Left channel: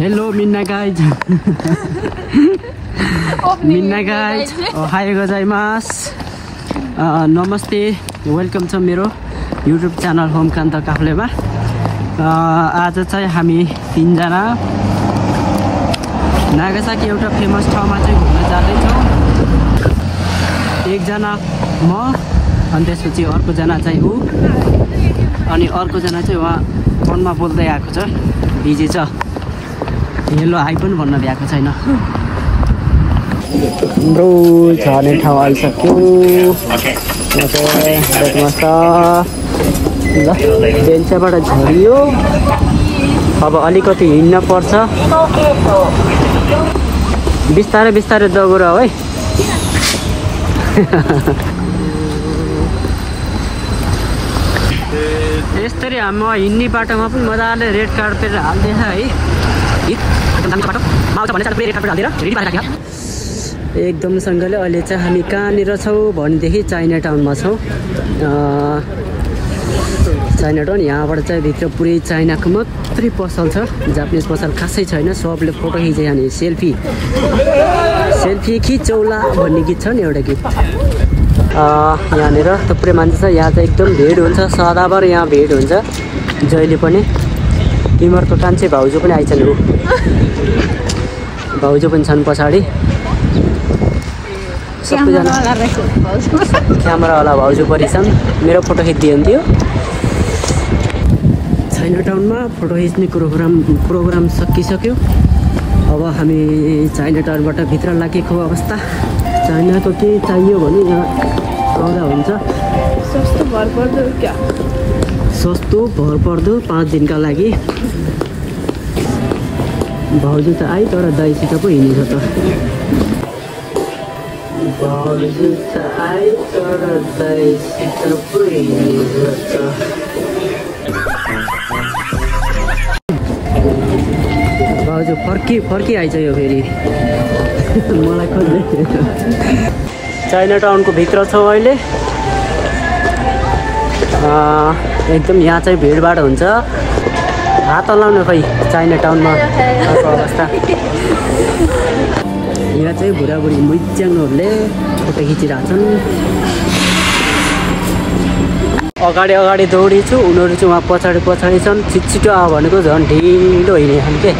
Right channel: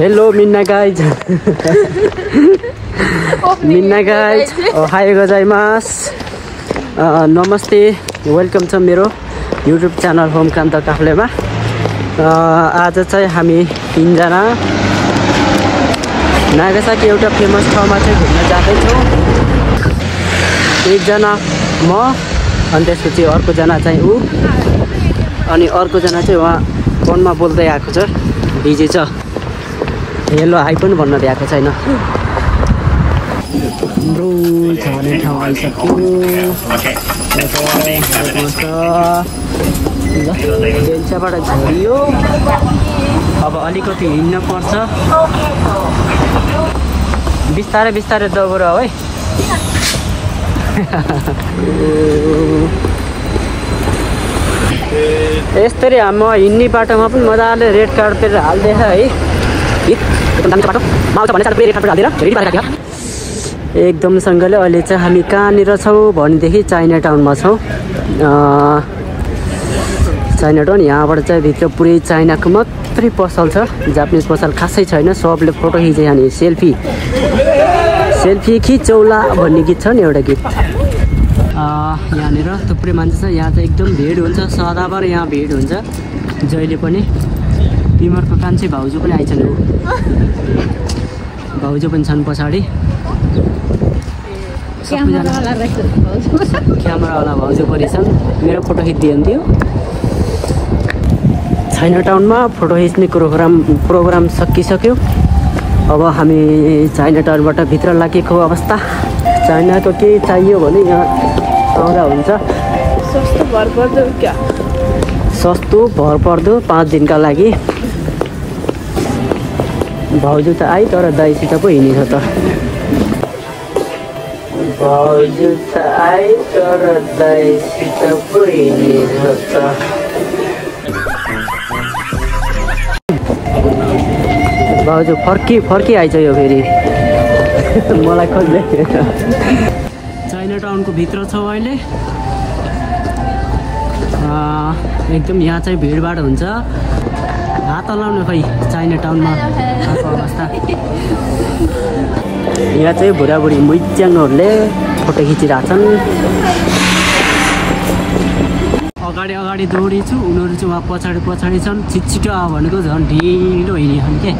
Hello, Minna guys. Minna guys, ohayo gozaimasu. Namaste. Welcome to मेरो YouTube channel Home Kanta Kaflema. आज चाहिँ हामी तीनजना नागासाकी एउटा फेमस ठाउँमा चाहिँ घुम्न जाँदैछौँ। एकजना म अनि त्यसपछि अर्को जना चाहिँ उ अनि अर्को जना चाहिँ उहाँ फोनमा बोल्दै आएको छ, बिजी छ। हेलो हाई पनि भन्न भ्याएको छैन। हाम्रो झर्ने ठाउँ आइसक्यो। बेन्चबाट झरियो, अब अलिकति हिँड्न पर्छ। बिस्तारै बिस्तारै दगुर है। यसरी म हिँड्ने बाटोमा पनि मजाले रेड कार्पेट हाल्दैछ है। एकदमसँगले अहिले चाहिँ हामी कहाँनिर छौँ भनेदेखि चाइना टाउनमा छौँ। चाइना टाउन यहाँबाट चाहिँ भित्र पुरै चाइनाको मात्रै पसल छ, जापानिज पसल खासै छैन। सबले फोटो खिचे अनि सेल्फी खिचौला भन्ने गीत छ नि एउटा गीत। यहाँनिर थुप्रै मान्छे छ। यहाँ चाहिँ एकदम भिड हुन्छ, सदाभर यहाँ भिड हुन्छ जहिले पनि। तिमीहरूको कान्छे भाउजू पनि आइछन्, भाउजू पनि छन् पछाडि। सबैजना क्यामेरावाला भाउजू परिछन्। मेरो फोटो खिचिदिन्थ्यो। चाइना टाउनमा फोटो खिच्ने प्रोग्राम सकिसक्यो। अब हामी चाइना टाउनबाट भित्र लागेको अवस्था। चाइनाको के चाहियो भने यहाँ आउँदा हुन्छ। सस्तो भरपर्दो 5 दिनका लागि। भाउजू त आइ तर दाइसित पो हिँडेछ त। भाउजू त आइ तर दाइसित पो हिँडेछ त। भाउजू फर्की आइछ यो फेरि। मलाई खोज्दै। चाइना टाउनको भित्र छौँ अहिले। एकदम यहाँ चाहिँ भिडभाड हुन्छ। हात हल्लाउन खै चाइना टाउनमा आएको अवस्था। यहाँ चाहिँ बुढाबुढी मुइच्याङहरूले फोटो खिचिरहेछन्। अगाडि अगाडि दौडी छु, उनीहरू चाहिँ उहाँ पछाडि पछाडि छन्। छिटो आ भनेको झन् ढिलो हिँडेछन् के,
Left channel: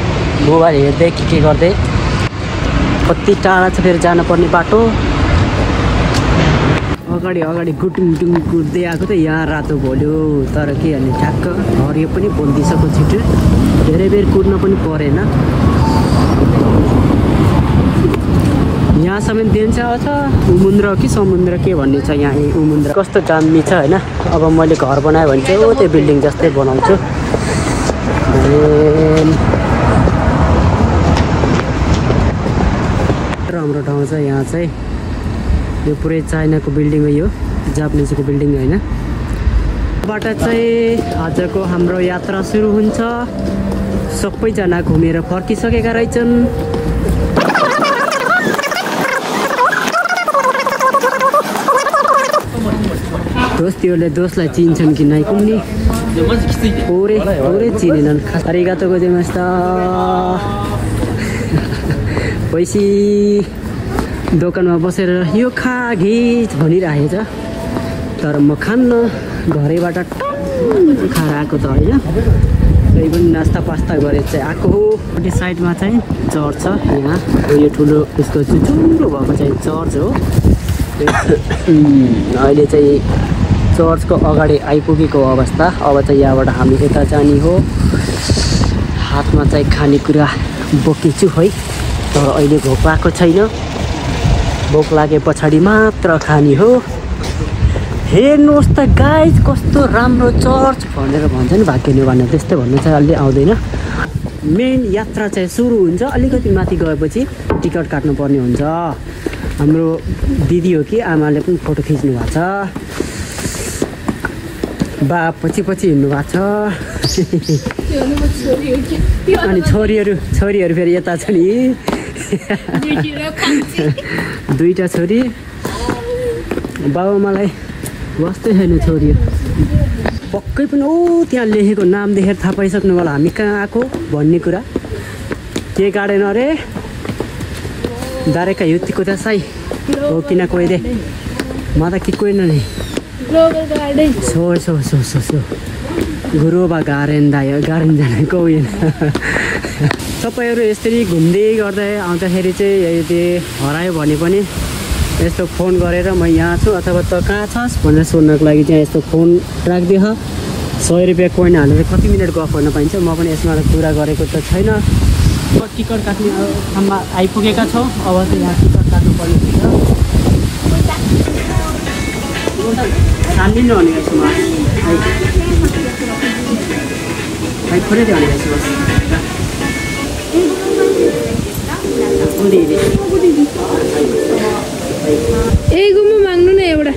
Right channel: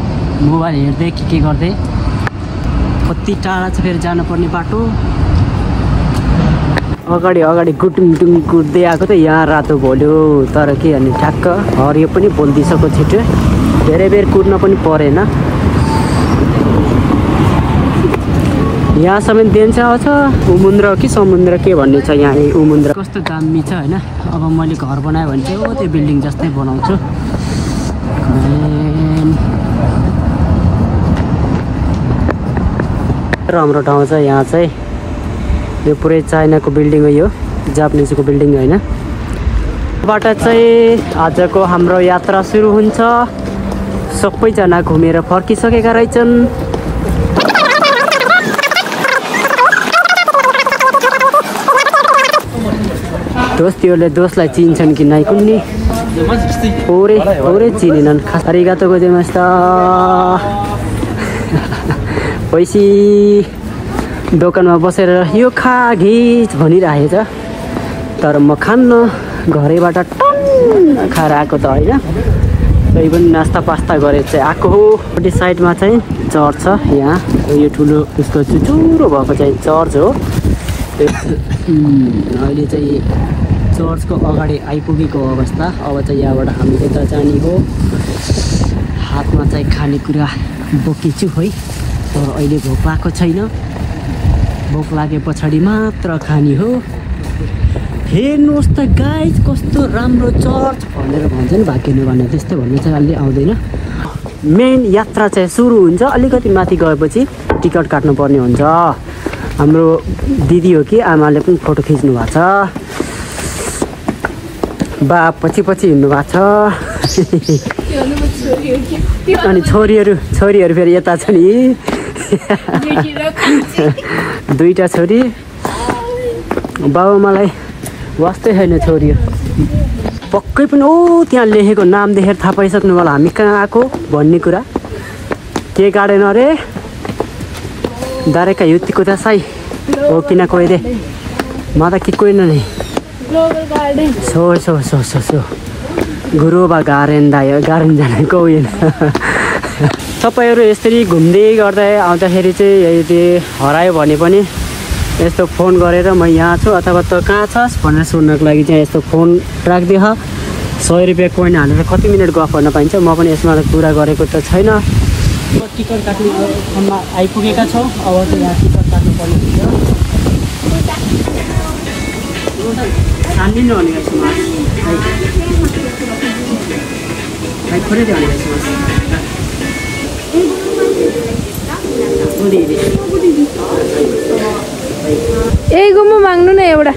मोबाइल हेर्दै के गर्दै। कति टाढा छ फेरि जानुपर्ने बाटो। अगाडि अगाडि गुटुङ कुद्दै आएको त यहाँ रातो भोल्यो। तर के अनि ठ्याक्क हरियो पनि बोल्दिसक्यो छिटो। धेरै बेर कुद्न पनि परेन। यहाँसम्म देन्सा छ। उमुन्द्र कि समुद्र के भन्ने छ यहाँ। उमुन्द्र कस्तो दामी छ होइन। अब मैले घर बनाएँ भने चाहिँ त्यो बिल्डिङ जस्तै बनाउँछु। राम्रो ठाउँ छ यहाँ चाहिँ। यो पुरै चाइनाको बिल्डिङ हो, यो जापानिजको बिल्डिङ होइन। बाट चाहिँ आजको हाम्रो यात्रा सुरु हुन्छ। सबैजना घुमेर फर्किसकेका रहेछन्। दोस्तीहरूले दोषलाई चिन्छन् कि नाइ कुन्नी। थोरै चिनेनन्। खास आरिगातो गोजाइमासु। पैसी दोकानमा बसेर यो खा घिच भनिरहेछ। तर म खान्न, घरैबाट टन्न खाएर आएको त होइन। कोही पनि नास्ता पास्ता गरेर चाहिँ आएको हो। त्यो साइडमा चाहिँ चर्च छ। यहाँ यो ठुलो उसको चुचुरो भएको चाहिँ चर्च हो। अहिले चाहिँ चर्चको अगाडि आइपुगेको अवस्था। अब चाहिँ यहाँबाट हामी यता जाने हो। हातमा चाहिँ खानेकुरा बोकेछु है। तर अहिले भोक लागेको छैन। भोक लागे पछाडि मात्र खाने हो। हेर्नुहोस् त गाइज कस्तो राम्रो चर्च भनेर भन्छ नि भाग्यले भने। त्यस्तै भन्नु चाहिँ अलि आउँदैन। मेन यात्रा चाहिँ सुरु हुन्छ। अलिकति माथि गएपछि टिकट काट्नु पर्ने हुन्छ। हाम्रो दिदी हो कि आमाले पनि फोटो खिच्नु भएको छ। बा पछि हिँड्नु भएको छ। अनि छोरीहरू फेरि यता छ नि। दुईटा छोरी। बाबा मलाई वास्तै छैन छोरी। पक्कै पनि त्यहाँ लेखेको नाम देखेर थाहा पाइसक्नु होला हामी कहाँ आएको भन्ने कुरा। के गार्डन अरे दारेका युतिको त साई हो किन कोही दे म त कि कोही नै सो गुरुबा गार्डन दायो गार्डन जानेको उयो तपाईँहरू यसरी घुम्दै गर्दै आउँदाखेरि चाहिँ यदि हरायो भने पनि यस्तो फोन गरेर म यहाँ छु अथवा त कहाँ छस् भनेर सुन्नको लागि चाहिँ यस्तो फोन राखिदिह 100 रुपियाँ कोइन हालेर कति मिनट गफ गर्न पाइन्छ म पनि यसमा कुरा गरेको त छैन टिकट काट्ने ठाउँमा आइपुगेका छौँ अब चाहिँ यहाँ टिकट काट्नु पर्ने हुन्छ सानिदिनु भने एगोमा माग्नु न एउटा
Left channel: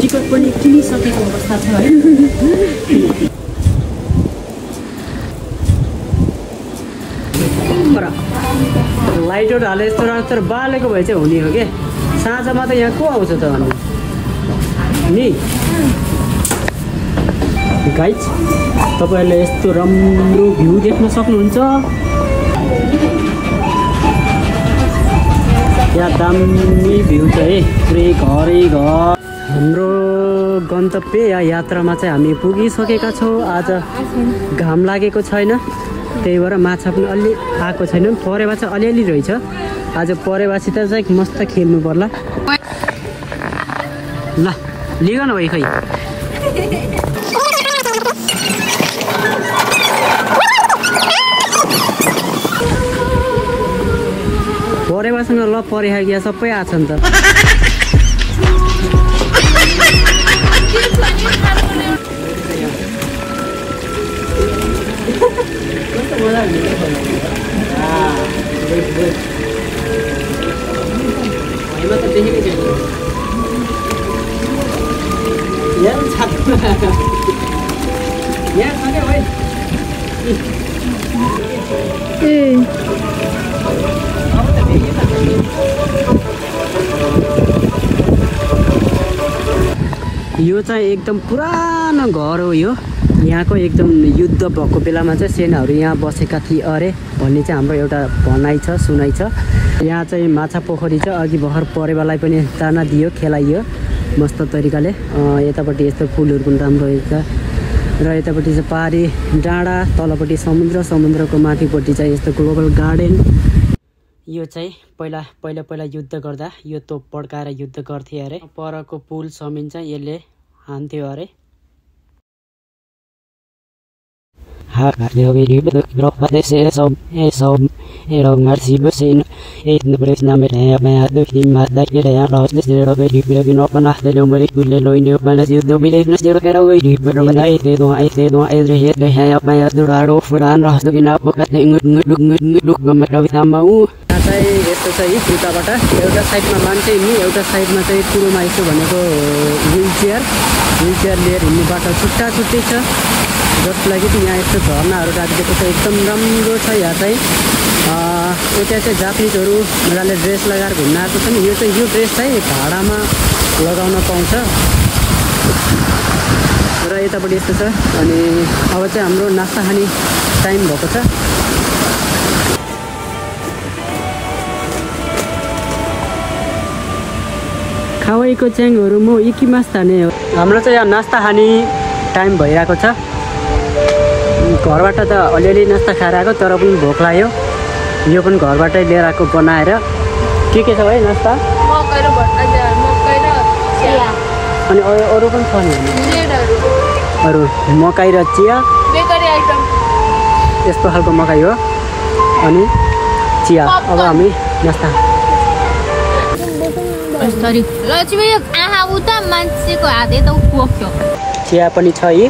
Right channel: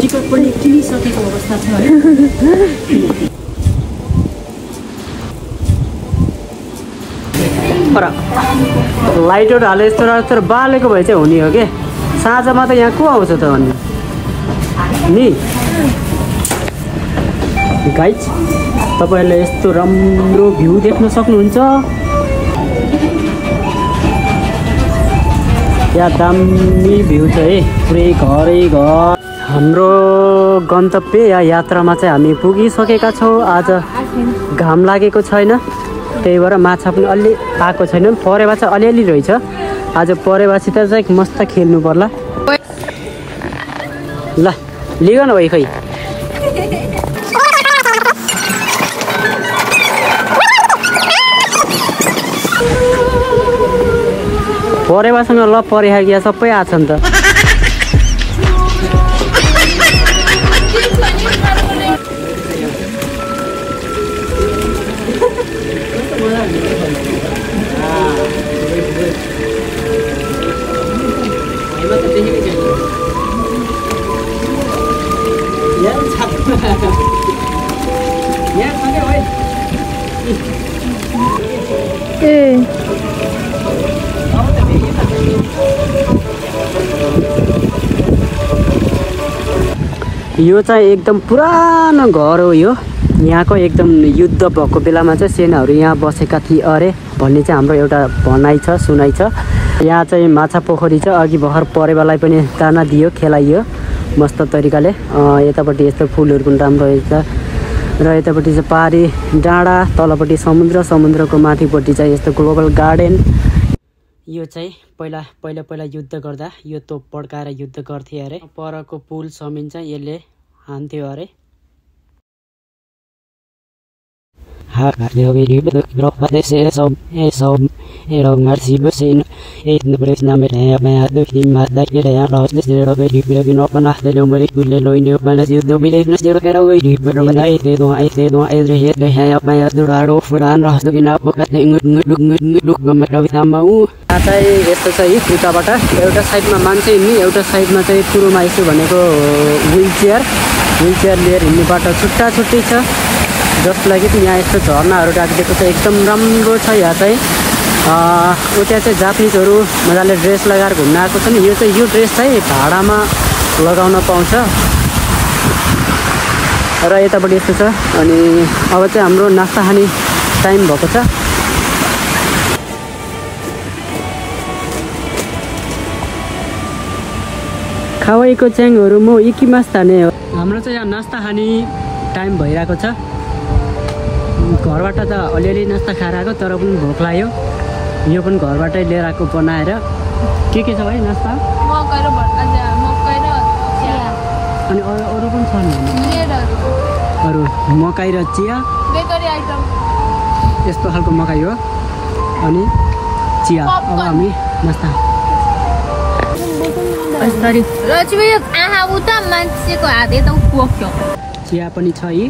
टिकट पनि किनिसकेको अवस्था छ है लाइटहरू हाले यस्तो तर बालेको भए चाहिँ हुने हो कि साँझमा त यहाँ को आउँछ त भन्ने नि गाइज तपाईँहरूले यस्तो राम्रो भ्यू देख्न सक्नुहुन्छ यहाँ दामी भ्यू छ है पुरै घरै घर हाम्रो गन्तव्य या यात्रामा चाहिँ हामी पुगिसकेका छौँ आज घाम लागेको छैन त्यही भएर माछा पनि अलि आएको छैन परेवा चाहिँ अलिअलि रहेछ आज परेवासित चाहिँ मस्त खेल्नु पर्ला ल लिग न भाइ खै परेवासँग ल परेखा क्या सबै आछ नि त यो चाहिँ एकदम पुरानो घर हो यो यहाँको एकदम युद्ध भएको बेलामा चाहिँ सेनाहरू यहाँ बसेका थिए अरे भन्ने चाहिँ हाम्रो एउटा भनाइ छ सुनाइ छ यहाँ चाहिँ माछा पोखरी छ अघि भर्खर परेवालाई पनि दाना दियो खेलाइयो मस्त तरिकाले यतापट्टि यस्तो फुलहरू पनि राम्रो रहेछ र यतापट्टि चाहिँ पहाडी डाँडा तलपट्टि समुद्रको माथिपट्टि चाहिँ यस्तो ग्लोबल गार्डन यो चाहिँ पहिला युद्ध गर्दा यो तोप पड्काएर युद्ध गर्थे अरे परको पुल समिन्छ यसले हान्थ्यो अरे चाहिँ यस्तो छ यी खुट्टाबाट एउटा साइडमा मान्छे हिँड्ने एउटा साइडमा चाहिँ पुरोमा यसो भनेको व्हील चेयर लिएर हिँड्ने बाटो छुट्टा छुट्टै छ जसको लागि चाहिँ यहाँ यस्तो झर्नाहरू राखिदिएको छ एकदम राम्रो छ यहाँ चाहिँ उता चाहिँ जापानिजहरू मजाले ड्रेस लगाएर घुम्न आएको छ नि यो ड्रेस चाहिँ भाडामा लगाउन पाउँछ र यतापट्टि यस्तो छ अनि अब चाहिँ हाम्रो नास्ता खाने टाइम भएको छ खावाईको च्याङहरू म इकिमास ताने हो हाम्रो चाहिँ यहाँ नास्ता खाने टाइम भइरहेको छ घरबाट त अलिअलि नास्ता खाएर आएको तर पनि भोक लाग्यो यो पनि घरबाटै लिएर आएको बनाएर के छ भाइ नास्ता अनि अरू पनि छ नि अरू मकै र चिया यस्तो खालको मकै हो अनि चिया अब हामी नास्ता चिया पनि छ यी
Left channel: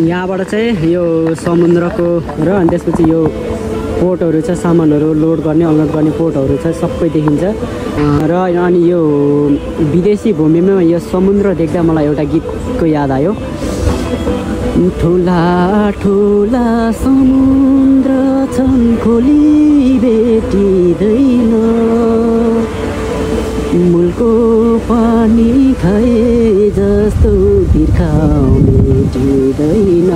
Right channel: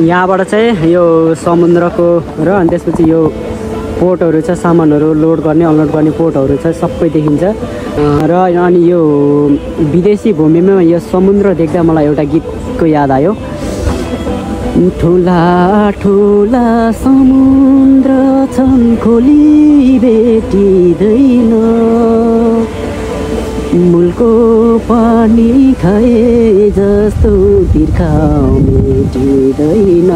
यहाँबाट चाहिँ यो समुद्रको र अनि त्यसपछि यो पोर्टहरू छ सामानहरू लोड गर्ने अनलोड गर्ने पोर्टहरू छ सबै देखिन्छ र अनि यो विदेशी भूमिमा यो समुद्र देख्दा मलाई एउटा गीतको याद आयो ठुला ठुला समुद्र छन् खोली भेटिँदै मेटिँदैन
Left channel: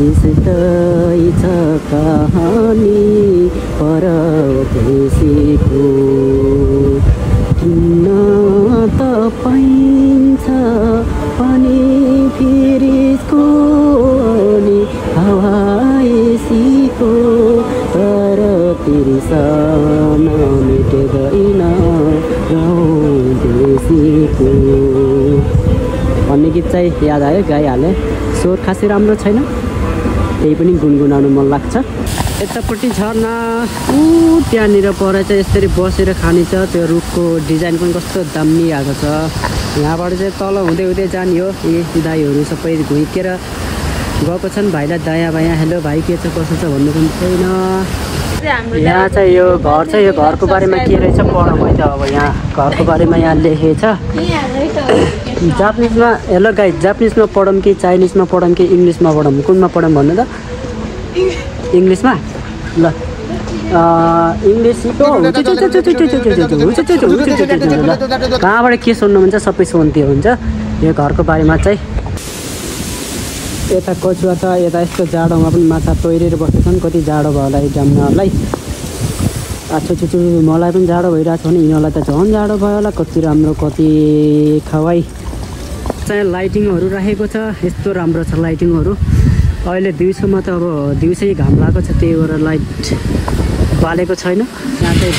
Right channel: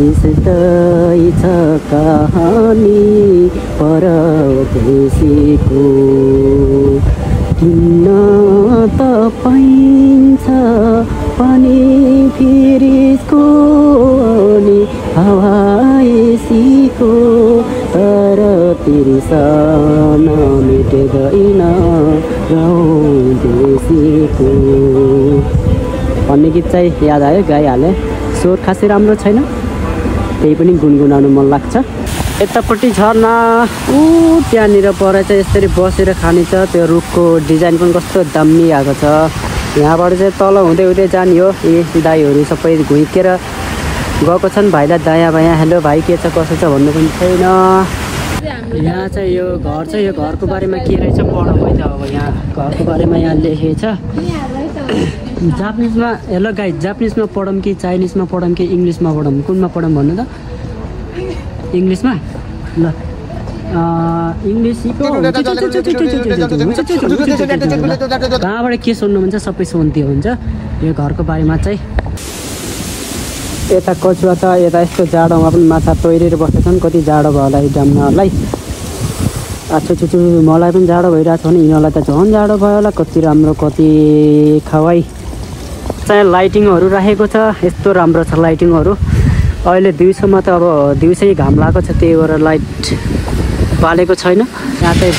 यस्तै छ कहानी परदेशीको किन्न त पाइन्छ पनि फेरिको नि हावाएसीको तर तिर्सन मेटिँदैन परदेशीको भन्ने गीत चाहिँ याद आयो, गाइहालेँ। स्वर खासै राम्रो छैन, त्यही पनि गुनगुनाउनु मन लाग्छ। यतापट्टि झर्ना ऊ त्यहाँनिर पर चाहिँ यसरी बसेर खाने छ। त्यो रुखको डिजाइन पनि कस्तो दामी आएको छ। यहाँबाट चाहिँ तल हुँदै हुँदै जाने हो। यी दाईहरू सबै घुइकेर गएको छन्। भाइलाई दायाँ बायाँ हेलो भाइ के छ कसो छ भन्नु पनि छैन। यहाँ चाहिँ यो घर छ, यो घरको बारेमा के रहेछ पढौँ है त। अब यहाँ घरको बारेमा यहाँ लेखेको छ जापानिजमा। हेलो गाइज, जापानिजमा पढौँ कि चाइनिजमा पढौँ कि इङ्ग्लिसमा पढौँ, कुनमा पढौँ भन्नु त? इङ्ग्लिसमा ल। इङ्ग्लिस कहाँबाट के सुन्नुहुन्छ सबै सुन्थ्यो हुन्छ। यो घरको बारेमा चाहिँ यता कछुवा छ। यता यस्तो जाडोमा पनि माछा तोइरेर बस्छन्। कति जाडो भयो होला जम्नाहरूलाई। छुछु मलाई पनि जाडो भइरहेको छ भने यिनीहरूलाई त झन् जाडो भयो होला। कति राम्रो कति खवाई चाहिँ लाइटिङहरू राखेको छ। यस्तो राम्रो छ लाइटिङहरू। अहिले दिउँसोमा त अब दिउँसै घाम लागेको छ, त्यही भएर लाइट बालेको छैन। यहाँ चाहिँ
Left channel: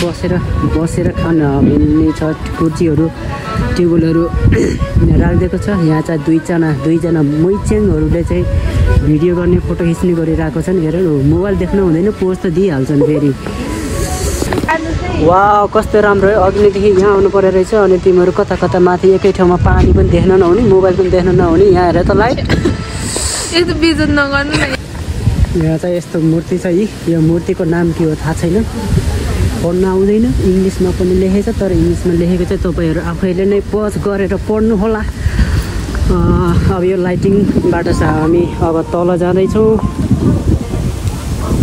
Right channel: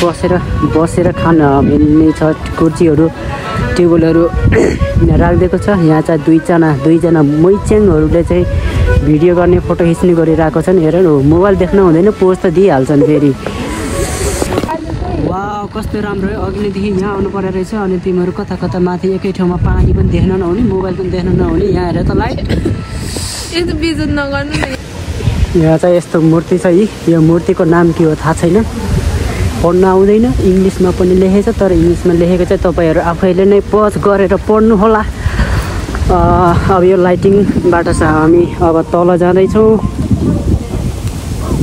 बसेर खान मिल्ने छ। कुर्सीहरू टेबलहरू राखिदिएको छ। यहाँ चाहिँ दुईजना मैच्याङहरूले चाहिँ भिडियो गर्ने फोटो खिच्ने गरिरहेको छन्। हेर न, मोबाइल देख्न हुँदैन, पोज त दिइहाल्छन् फेरि। वाह कस्तो राम्रो है। अघिदेखि यहाँ आउनु पर्यो रहेछ। अनि तिमीहरू कता कता माथि एकै ठाउँमा पानी पनि देख्न नहुने, मोबाइल पनि देख्न नहुने। यहाँ हेर त लाइट। यहाँ चाहिँ यस्तो मूर्ति छ। यो मूर्तिको नाम के हो थाहा छैन, पढ्न आउँदैन। इङ्ग्लिसमा पनि लेखेको छ, तर इङ्ग्लिसमा लेखेको चाहिँ तपाईँहरू आफैले नै पज गरेर पढ्नु होला। अब यो लाइटिङबाट चाहिँ हामी अब तल जाँदैछौँ।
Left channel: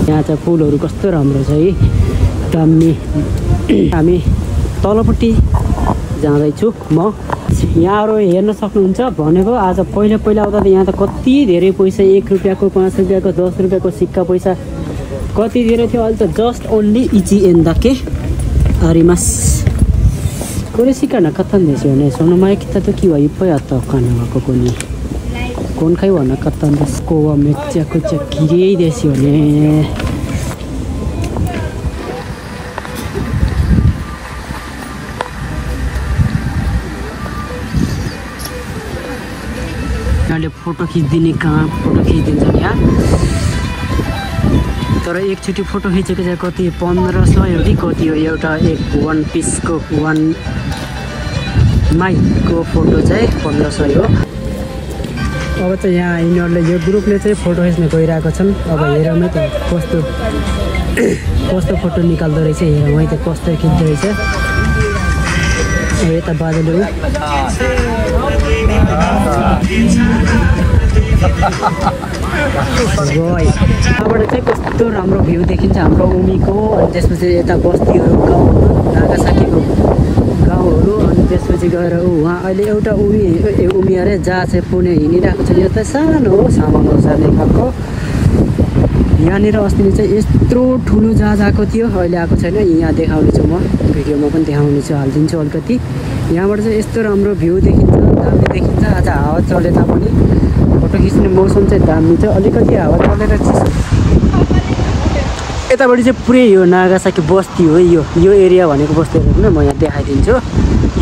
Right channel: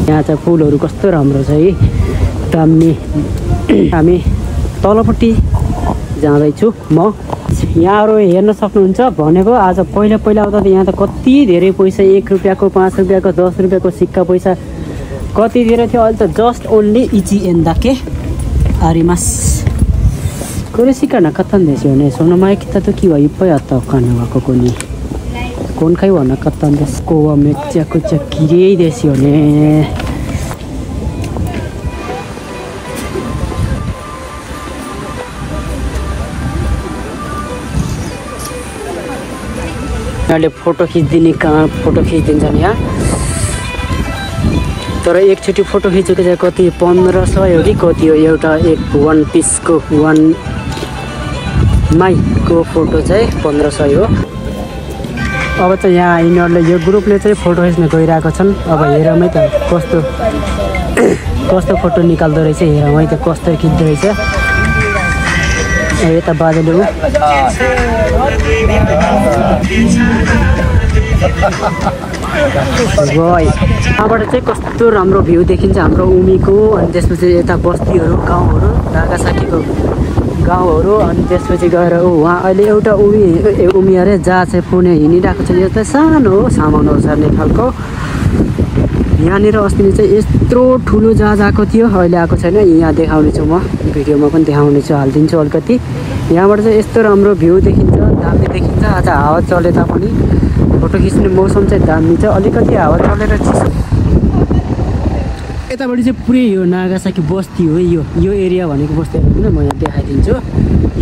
यहाँ चाहिँ फुलहरू कस्तो राम्रो छ है, दामी। हामी तलपट्टि जाँदैछु म। यहाँहरू हेर्न सक्नुहुन्छ भनेको आज पहिला आउँदा त यहाँ त कति धेरै पैसा, 1 रुपियाँको 5 रुपियाँको 10 रुपियाँको सिक्का पैसा कति धेरै थियो। अहिले त जस्ट ओन्ली इची एन्दाके आरिमास कुरेसिका नकत्तन देश हो ने सोनमा kita tuh kiwa ipa atau kan apa ni kon kai wana katan des ko mecha kucha kirei desu yo ne. अहिले फोटो खिच्दिने कहाँ फोटो खिचिदिन्छन् यहाँ। तर एकचोटि फोटो खिचेको चाहिँ कति 1500 हो कि कति हो एउटा एक वान पिसको वान माइकको फोटो चाहिँ 1500 हो। अब चाहिँ यहाँ यिनीहरूले यो ग्रुपले चाहिँ फोटो खिच्न गइरहेको छन्। अब हेरौँ है त कस्तो फोटो निकाल्दो रहेछ, हेरौँ है त कस्तो खिच्दो रहेछ। अब यता बादल यहाँबाट चाहिँ कस्तो राम्रो भ्यू देखिन्छ हाम्रो उमीको। अनि त्यसपछि यता बस्तीहरू गाउँहरू नागासाकीको गाउँहरू। अनि त्यसपछि गएर उहाँ अहिले एउटा उमी अरे जहाँ चाहिँ पुणे हिँडिरहेको छ। यो त सानो हो सामान ओर्सार्ने खालको। यहाँनिर अस्ति चाहिँ यत्रो ठुलो जहाज आएको थियो, अहिले आएको छैन। यहाँ देखाउने छु म, भिडियोमा पनि देखाउने छु, हालिदिन्छु अलिकति। यहाँबाट चाहिँ यस्तो राम्रो भ्यू देखिन्छ, दामी देखिन्छ। आज हावा चले तापनि फोटो खिच्ने मौसम चाहिँ दामी छ। अलिकति हावा चलेर चिसो। यतापट्टि चाहिँ पुरै यो नागासाकी बस्ती हो। यो एरिया भनेको बस्ती होइन, म यहाँ देखाइदिन्छु।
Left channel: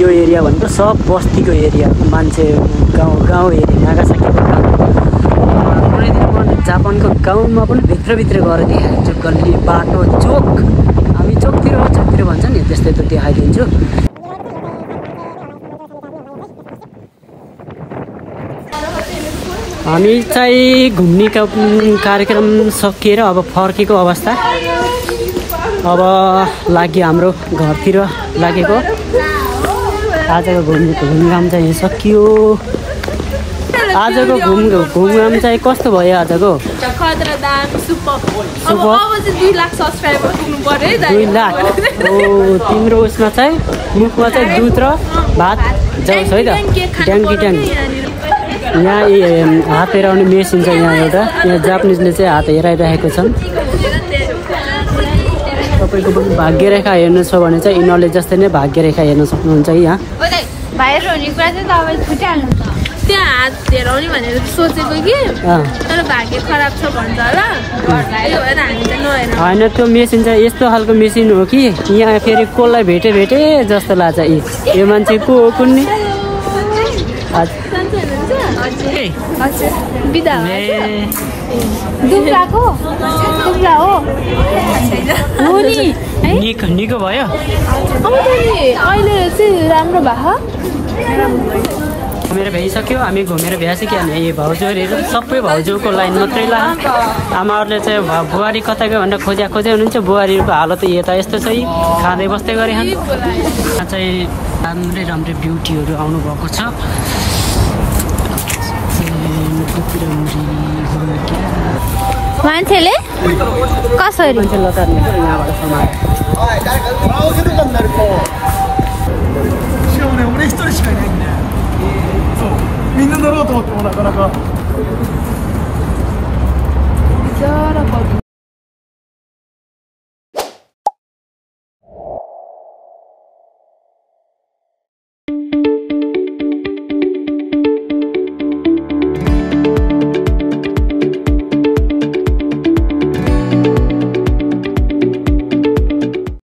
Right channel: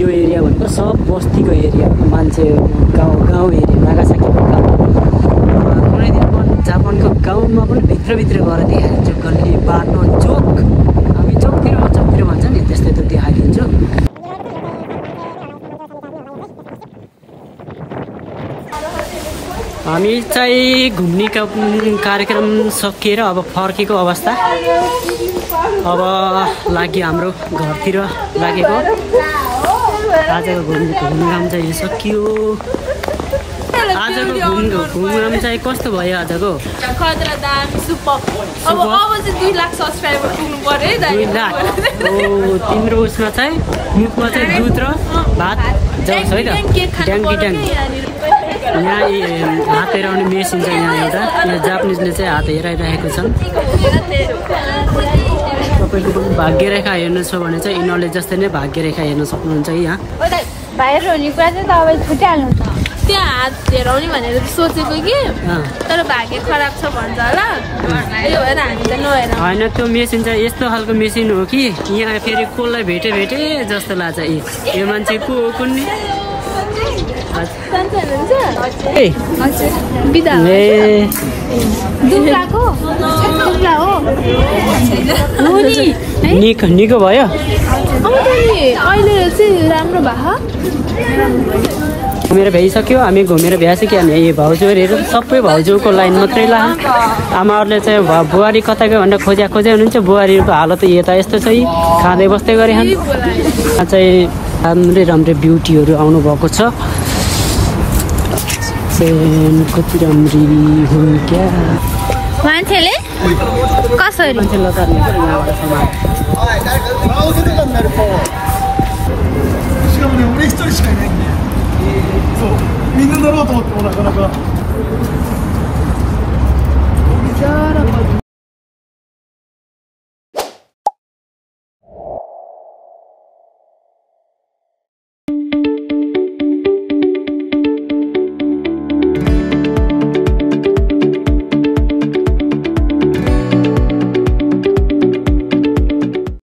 यो एरिया भनेको सब बस्तीको एरिया, मान्छे गाउँ एरिया नागासाकीको गाउँ। कुनै दिन म जापानको गाउँमा पनि भित्रभित्र गएर देखाइदिन्छु। गल्ली बाटो चोक, हामी चोकतिर भन्छ नि त्यस्तै त देखाइदिन्छु। हामी चाहिँ घुम्ने कार्यक्रम सकिएर अब फर्केको अवस्था। अब लाग्यो हाम्रो घरतिर लागेको। आजको घुमघाम चाहिँ सकियो। आजको घुमघाम चाहिँ कस्तो भयो आजको? 2 लाख सब्सक्राइबर पुग्नु पर्यो है। 2 लाख हो। तिम्रो उसमा चाहिँ मुखमा चाहिँ दुध र भात जाउँछ है त, ड्याङ्गी यहाँ हात हेराउने मेसिन छ यहाँ एउटा। यहाँ जापानिजले चाहिँ हात हेराइरहेको छन्। तपाईँको भाग्यरेखा हेर्नु छ भने चाहिँ यिनीहरूले जस्तै नै भाग्यरेखा हेर्न सक्नुहुन्छ है यहाँ। त्यहाँ हात हेराउने भनेर सोचेको कि तर भाग्य खराब छ भन्छ होला, त्यही भएर हामी त नहेर। होइन त्यो मेसिन चाहिँ यस्तो खालको मेसिन हो कि यहाँ फेरि कसलाई भेटे जस्तो लाग्छ। यो मान्छे को हो कुन्ने? निको भयो। घुमेर भ्याइसक्यो, हामी घुमेर भ्याइसक्यो। हामी भाउजूहरू सबै भाउजूको लाइन मात्रै ला। आमाहरूले चाहिँ बुहारी कता गयो भनेर खोज्या हुनुहुन्छ। बुहारीको हालत यता यस्तो छ, खाँदै बस्दै गरे छन्। यहाँ चाहिँ राम्रै ब्युटीहरू आउनु भएको छ। कति राम्री हुन् क्या मान्छेले कसरी